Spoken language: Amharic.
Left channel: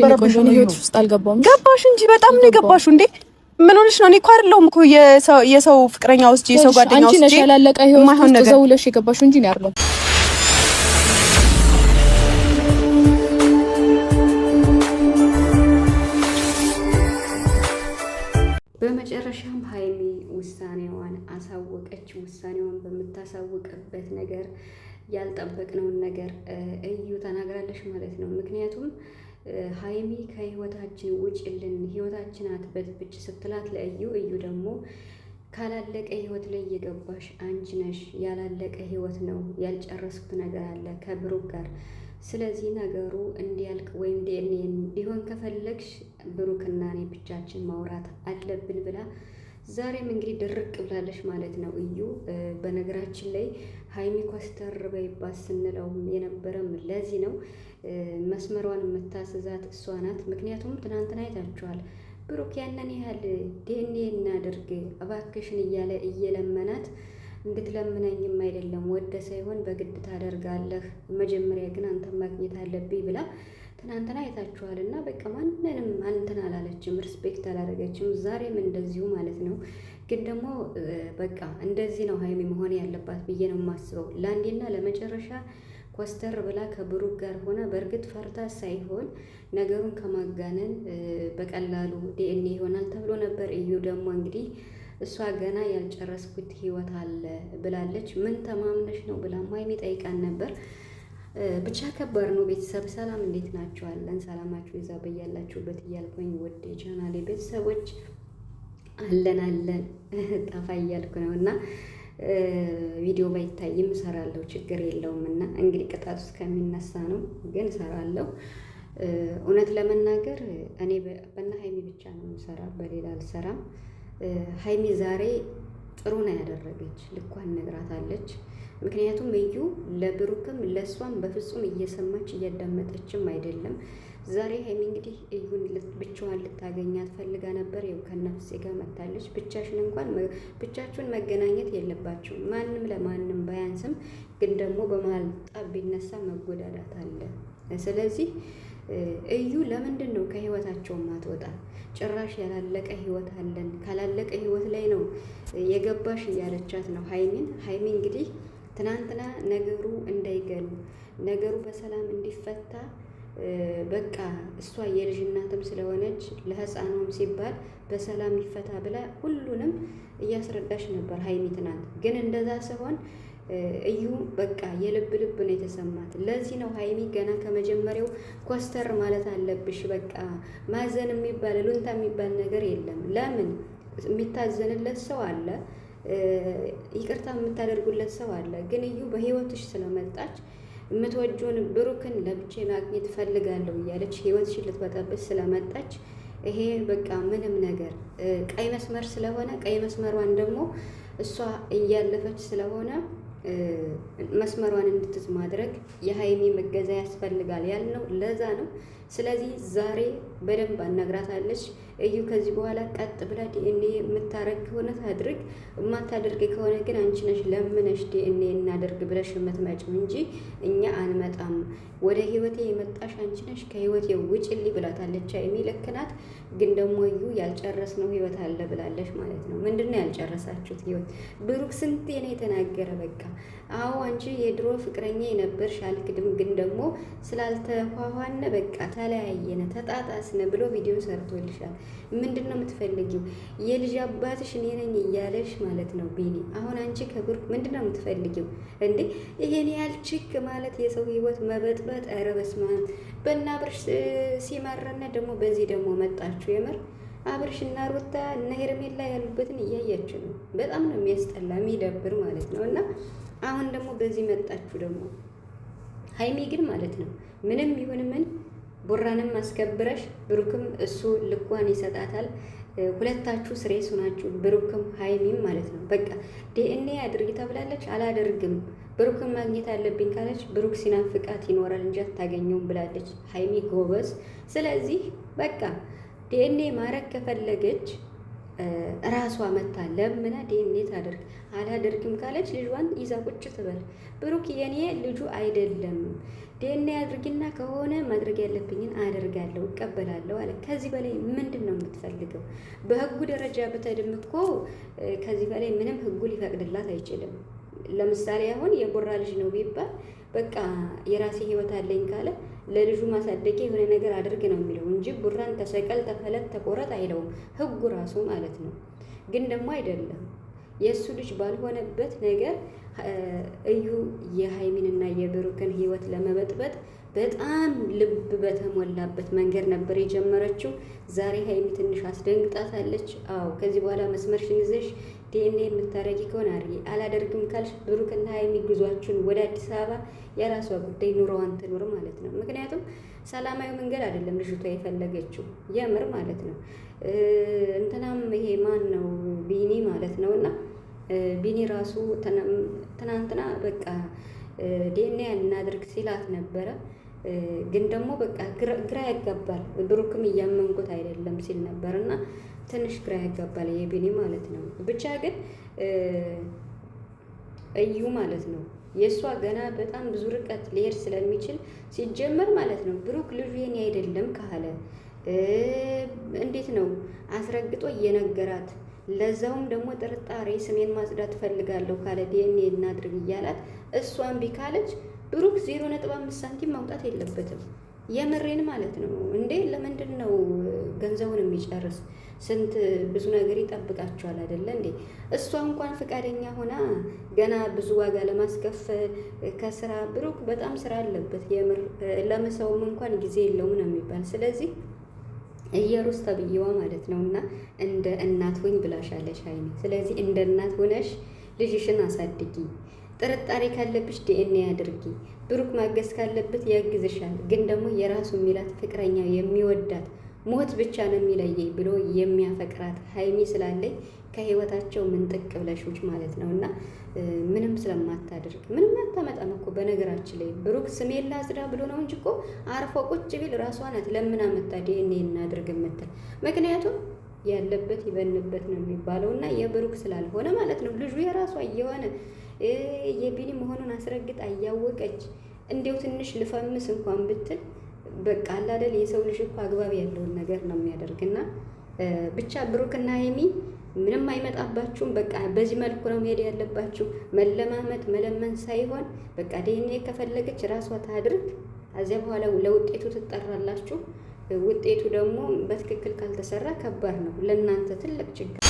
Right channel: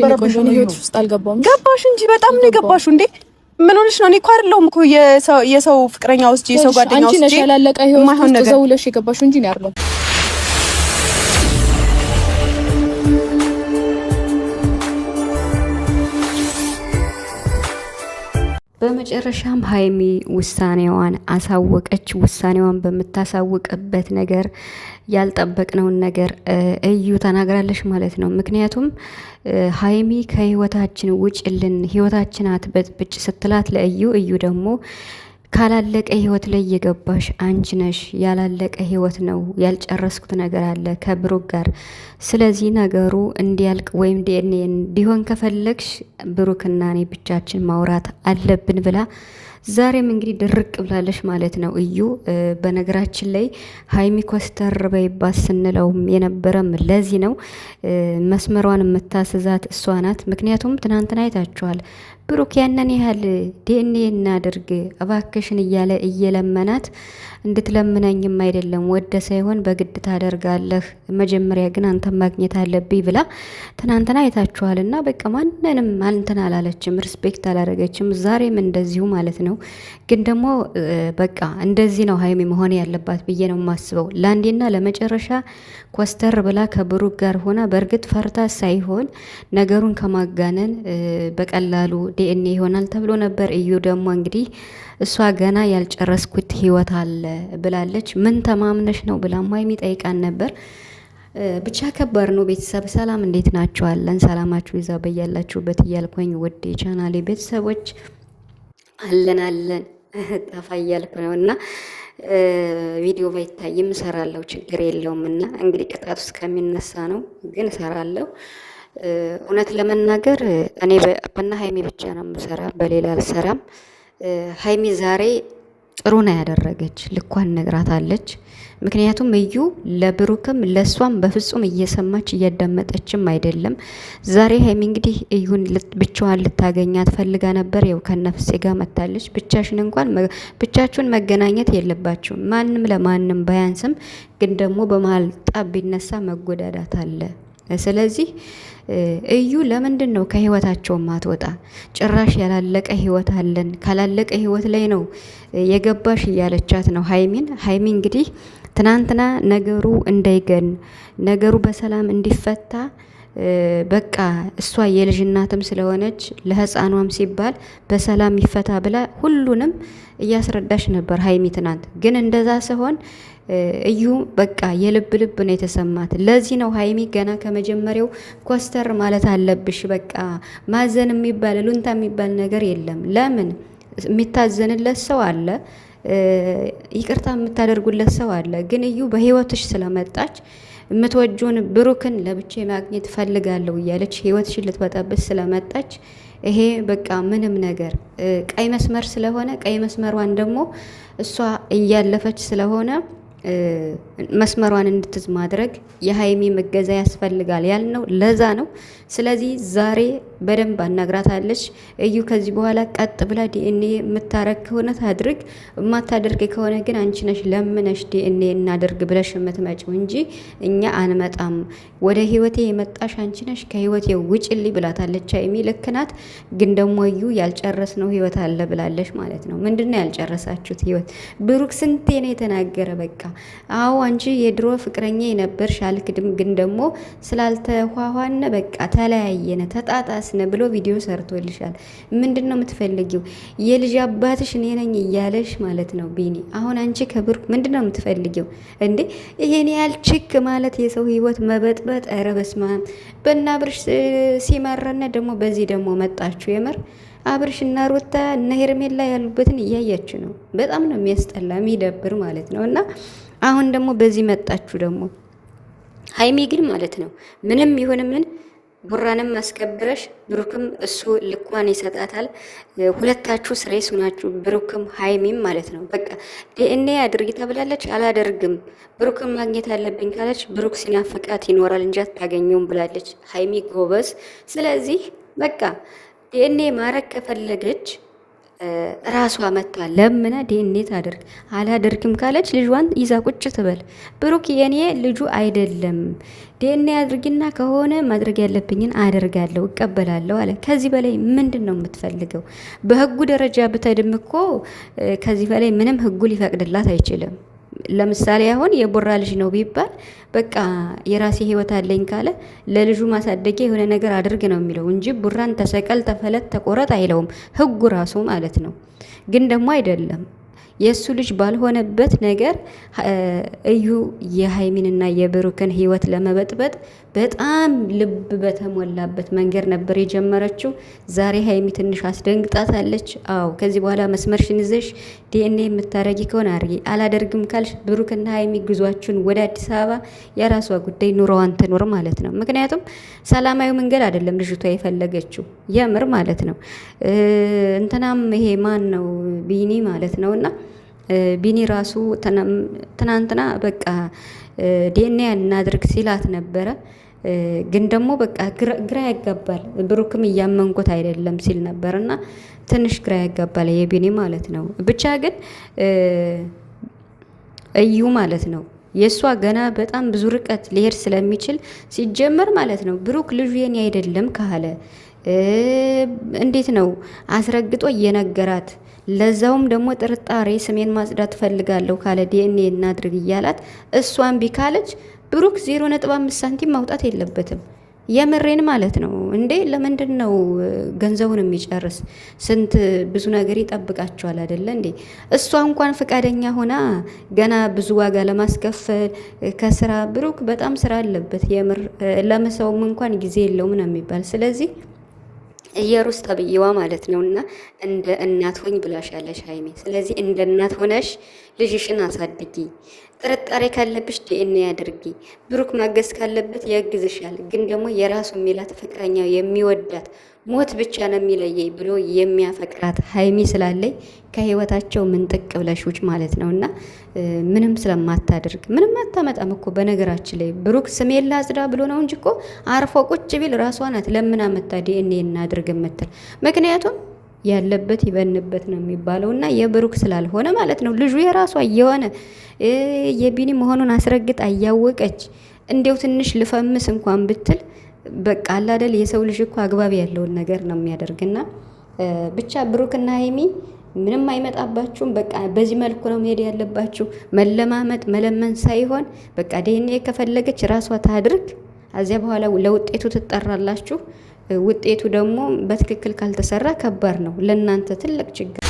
በረበሽን ህይወት ውስጥ አልገባም። ገባሽ እንጂ በጣም ነው የገባሽው እንዴ? ምን ሆነሽ ነው? እኔ እኮ አይደለሁም እኮ የሰው ፍቅረኛ ውስጥ የሰው ጓደኛ ውስጥ አንቺ ነሽ ያላለቀ ህይወት ውስጥ ዘውለሽ የገባሽው እንጂ ነው አይደለም። በመጨረሻም ሀይሚ ውሳኔዋን አሳወቀች። ውሳኔዋን በምታሳውቅበት ነገር ያልጠበቅነውን ነገር እዩ ተናግራለች ማለት ነው። ምክንያቱም ሀይሚ ከህይወታችን ውጭልን፣ ህይወታችን አትበጥብጭ ስትላት ለእዩ እዩ ደግሞ ካላለቀ ህይወት ላይ የገባሽ አንቺ ነሽ። ያላለቀ ህይወት ነው፣ ያልጨረስኩት ነገር አለ ከብሩክ ጋር። ስለዚህ ነገሩ እንዲያልቅ ወይም ዲኤንኤ እንዲሆን ከፈለግሽ ብሩክና እኔ ብቻችን ማውራት አለብን ብላ ዛሬም እንግዲህ ድርቅ ብላለች ማለት ነው። እዩ በነገራችን ላይ ሀይሚ ኮስተር በይባት ስንለውም የነበረም ለዚህ ነው። መስመሯን የምታስዛት እሷ ናት። ምክንያቱም ትናንትና አይታችኋል። ብሩክ ያንን ያህል ዲኤንኤ እናድርግ እባክሽን እያለ እየለመናት እንድትለምነኝም አይደለም ወደ ሳይሆን በግድ ታደርጋለህ፣ መጀመሪያ ግን አንተ ማግኘት አለብኝ ብላ ትናንትና አይታችኋል። እና በቃ ማንንም እንትን አላለችም፣ ሪስፔክት አላደረገችም። ዛሬም እንደዚሁ ማለት ነው። ግን ደግሞ በቃ እንደዚህ ነው ሀይሚ መሆን ያለባት ብዬ ነው የማስበው። ለአንዴና ለመጨረሻ ኮስተር ብላ ከብሩክ ጋር ሆና በእርግጥ ፈርታ ሳይሆን ነገሩን ከማጋነን በቀላሉ ዲኤንኤ ይሆናል ተብሎ ነበር። እዩ ደግሞ እንግዲህ እሷ ገና ያልጨረስኩት ህይወት አለ ብላለች። ምን ተማምነሽ ነው ብላም ሀይሚ ጠይቃን ነበር። ብቻ ከባድ ነው። ቤተሰብ ሰላም፣ እንዴት ናችኋለን? ሰላማችሁ ይዛ በያላችሁበት እያልኩኝ ውድ የቻናሌ ቤተሰቦች አለን ጠፋ እያልኩ ነው እና ቪዲዮ ባይታይም እሰራለሁ፣ ችግር የለውም። እና እንግዲህ ቅጣቱ እስከሚነሳ ነው፣ ግን እሰራለሁ። እውነት ለመናገር እኔ በና ሀይሚ ብቻ ነው የምሰራ፣ በሌላ አልሰራም። ሀይሚ ዛሬ ጥሩ ነው ያደረገች፣ ልኳን ነግራታለች። ምክንያቱም እዩ ለብሩክም ለሷም በፍጹም እየሰማች እያዳመጠችም አይደለም። ዛሬ ሀይሚ እንግዲህ እዩን ብቻዋን ልታገኛት ፈልጋ ነበር። ያው ከነፍሴ ጋር መታለች። ብቻችሁን መገናኘት የለባችሁም። ማንም ለማንም ባያንስም፣ ግን ደግሞ በመሀል ጣብ ቢነሳ መጎዳዳት አለ። ስለዚህ እዩ ለምንድን ነው ከህይወታቸው ማትወጣ? ጭራሽ ያላለቀ ህይወት አለን፣ ካላለቀ ህይወት ላይ ነው የገባሽ እያለቻት ነው ሀይሚን። ሀይሚ እንግዲህ ትናንትና ነገሩ እንዳይገን ነገሩ በሰላም እንዲፈታ በቃ እሷ የልጅ እናትም ስለሆነች ለህፃኗም ሲባል በሰላም ይፈታ ብላ ሁሉንም እያስረዳሽ ነበር ሀይሚ ትናንት። ግን እንደዛ ሲሆን እዩ በቃ የልብ ልብ ነው የተሰማት። ለዚህ ነው ሀይሚ ገና ከመጀመሪያው ኮስተር ማለት አለብሽ። በቃ ማዘን የሚባል ሉንታ የሚባል ነገር የለም። ለምን የሚታዘንለት ሰው አለ፣ ይቅርታ የምታደርጉለት ሰው አለ። ግን እዩ በህይወትሽ ስለመጣች የምትወጂውን ብሩክን ለብቻ ማግኘት ፈልጋለሁ እያለች ህይወትሽን ልትበጠብጥ ስለመጣች ይሄ በቃ ምንም ነገር ቀይ መስመር ስለሆነ ቀይ መስመሯን ደግሞ እሷ እያለፈች ስለሆነ መስመሯን እንድትዝ ማድረግ የሀይሚ መገዛ ያስፈልጋል ያልነው ለዛ ነው። ስለዚህ ዛሬ በደንብ አናግራታለች። እዩ ከዚህ በኋላ ቀጥ ብላ ዲኤንኤ የምታረግ ከሆነ ታድርግ፣ የማታደርግ ከሆነ ግን አንቺ ነሽ ለምነሽ ዲኤንኤ እናደርግ ብለሽ የምትመጪው እንጂ እኛ አንመጣም። ወደ ህይወቴ የመጣሽ አንቺ ነሽ፣ ከህይወቴ ውጭልኝ ብላታለች ሀይሚ። ልክ ናት። ግን ደግሞ እዩ ያልጨረስነው ህይወት አለ ብላለች ማለት ነው። ምንድነው ያልጨረሳችሁት ህይወት? ብሩክ ስንቴ ነው የተናገረ? በቃ አዎ አንቺ የድሮ ፍቅረኛ የነበርሽ አልክድም፣ ግን ደግሞ ስላልተኋኋነ በቃ ተለያየነ ተጣጣስነ ብሎ ቪዲዮ ሰርቶልሻል። ምንድን ነው የምትፈልጊው? የልጅ አባትሽ እኔ ነኝ እያለሽ ማለት ነው ቢኒ። አሁን አንቺ ከብሩክ ምንድን ነው የምትፈልጊው እንዴ? ይሄን ያህል ችክ ማለት የሰው ህይወት መበጥበጥ። ኧረ በስመ አብ። በእነ አብርሽ ሲመረነ ደግሞ በዚህ ደግሞ መጣችሁ። የምር አብርሽ እና ሩታ እነ ሄርሜላ ያሉበትን እያያችሁ ነው። በጣም ነው የሚያስጠላ የሚደብር ማለት ነው። እና አሁን ደግሞ በዚህ መጣችሁ ደግሞ ሀይሚ ግን ማለት ነው ምንም ይሁን ምን ቡራንም አስከብረሽ ብሩክም እሱ ልኳን ይሰጣታል። ሁለታችሁ ስሬስ ሆናችሁ ብሩክም ሀይሚም ማለት ነው። በቃ ዲኤንኤ አድርጊ ተብላለች፣ አላደርግም ብሩክም ማግኘት አለብኝ ካለች ብሩክ ሲናፍቃት ይኖራል እንጂ አታገኘውም ብላለች ሀይሚ ጎበዝ። ስለዚህ በቃ ዲኤንኤ ማረግ ከፈለገች ራሷ መታ ለምና ዲኤንኤ ታደርግ። አላደርግም ካለች ልጇን ይዛ ቁጭ ትበል። ብሩክ የኔ ልጁ አይደለም ዲኤንኤ አድርጊና ከሆነ ማድረግ ያለብኝን አደርጋለሁ እቀበላለሁ አለ። ከዚህ በላይ ምንድን ነው የምትፈልገው? በህጉ ደረጃ ብትሄድም እኮ ከዚህ በላይ ምንም ህጉ ሊፈቅድላት አይችልም። ለምሳሌ አሁን የቦራ ልጅ ነው ቢባል በቃ የራሴ ህይወት አለኝ ካለ ለልጁ ማሳደጊያ የሆነ ነገር አድርግ ነው የሚለው እንጂ ቡራን ተሰቀል፣ ተፈለት፣ ተቆረጥ አይለውም ህጉ ራሱ ማለት ነው። ግን ደግሞ አይደለም የእሱ ልጅ ባልሆነበት ነገር እዩ የሀይሚንና የብሩክን ህይወት ለመበጥበጥ በጣም ልብ በተሞላበት መንገድ ነበር የጀመረችው። ዛሬ ሀይሚ ትንሽ አስደንግጣታለች። አዎ ከዚህ በኋላ መስመርሽን ይዘሽ ዲኤንኤ የምታረጊ ከሆነ አርጊ፣ አላደርግም ካልሽ ብሩክና ሀይሚ ጉዟችሁን ወደ አዲስ አበባ የራሷ ጉዳይ ኑሮዋን ትኖር ማለት ነው። ምክንያቱም ሰላማዊ መንገድ አይደለም ልጅቷ የፈለገችው የምር ማለት ነው። እንትናም ይሄ ማን ነው ቢኒ ማለት ነው እና ቢኒ ራሱ ትናንትና በቃ ዲኤንኤ እናድርግ ሲላት ነበረ። ግን ደግሞ በቃ ግራ ያጋባል። ብሩክም እያመንኩት አይደለም ሲል ነበር እና ትንሽ ግራ ያጋባል የቢኒ ማለት ነው። ብቻ ግን እዩ ማለት ነው የእሷ ገና በጣም ብዙ ርቀት ሊሄድ ስለሚችል ሲጀመር ማለት ነው ብሩክ ልጁ የኔ አይደለም ካለ እንዴት ነው አስረግጦ እየነገራት ለዛውም ደግሞ ጥርጣሬ ስሜን ማጽዳት ፈልጋለሁ ካለ ዲኤንኤ እናድርግ እያላት እሷን ቢካለች ብሩክ 0.5 ሳንቲም ማውጣት የለበትም። የምሬን ማለት ነው እንዴ! ለምንድን ነው ገንዘቡን የሚጨርስ? ስንት ብዙ ነገር ይጠብቃቸዋል አይደለ እንዴ? እሷ እንኳን ፈቃደኛ ሆና ገና ብዙ ዋጋ ለማስከፈል ከስራ ብሩክ በጣም ስራ አለበት። የምር ለመሰውም እንኳን ጊዜ የለውም ነው የሚባል። ስለዚህ የሩስ ተብዬዋ ማለት ነው እና እንደ እናት ሆኝ ብላሻለሽ ሀይሚ። ስለዚህ እንደ እናት ሆነሽ ልጅሽን አሳድጊ። ጥርጣሬ ካለብሽ ዲኤንኤ አድርጊ። ብሩክ ማገዝ ካለበት ያግዝሻል። ግን ደግሞ የራሱ የሚላት ፍቅረኛው የሚወዳት ሞት ብቻ ነው የሚለየኝ ብሎ የሚያፈቅራት ሀይሚ ስላለኝ ከህይወታቸው ምንጥቅ ብለሽ ውጭ ማለት ነው እና ምንም ስለማታደርግ ምንም አታመጣም እኮ። በነገራችን ላይ ብሩክ ስሜን ላጽዳ ብሎ ነው እንጂ እኮ አርፎ ቁጭ ቢል ራሷ ናት ለምን አመጣ ዲኤንኤ እናድርግ የምትል። ምክንያቱም ያለበት ይበንበት ነው የሚባለው እና የብሩክ ስላልሆነ ማለት ነው። ልጁ የራሷ እየሆነ የቢኒ መሆኑን አስረግጣ እያወቀች እንዲያው ትንሽ ልፈምስ እንኳን ብትል በቃ አላደል የሰው ልጅ እኮ አግባብ ያለውን ነገር ነው የሚያደርግና ብቻ ብሩክና ሀይሚ ምንም አይመጣባችሁም። በቃ በዚህ መልኩ ነው መሄድ ያለባችሁ። መለማመጥ መለመን ሳይሆን በቃ ዲኤንኤ ከፈለገች ራሷ ታድርግ። ከዚያ በኋላ ለውጤቱ ትጠራላችሁ። ውጤቱ ደግሞ በትክክል ካልተሰራ ከባድ ነው ለእናንተ ትልቅ ችግር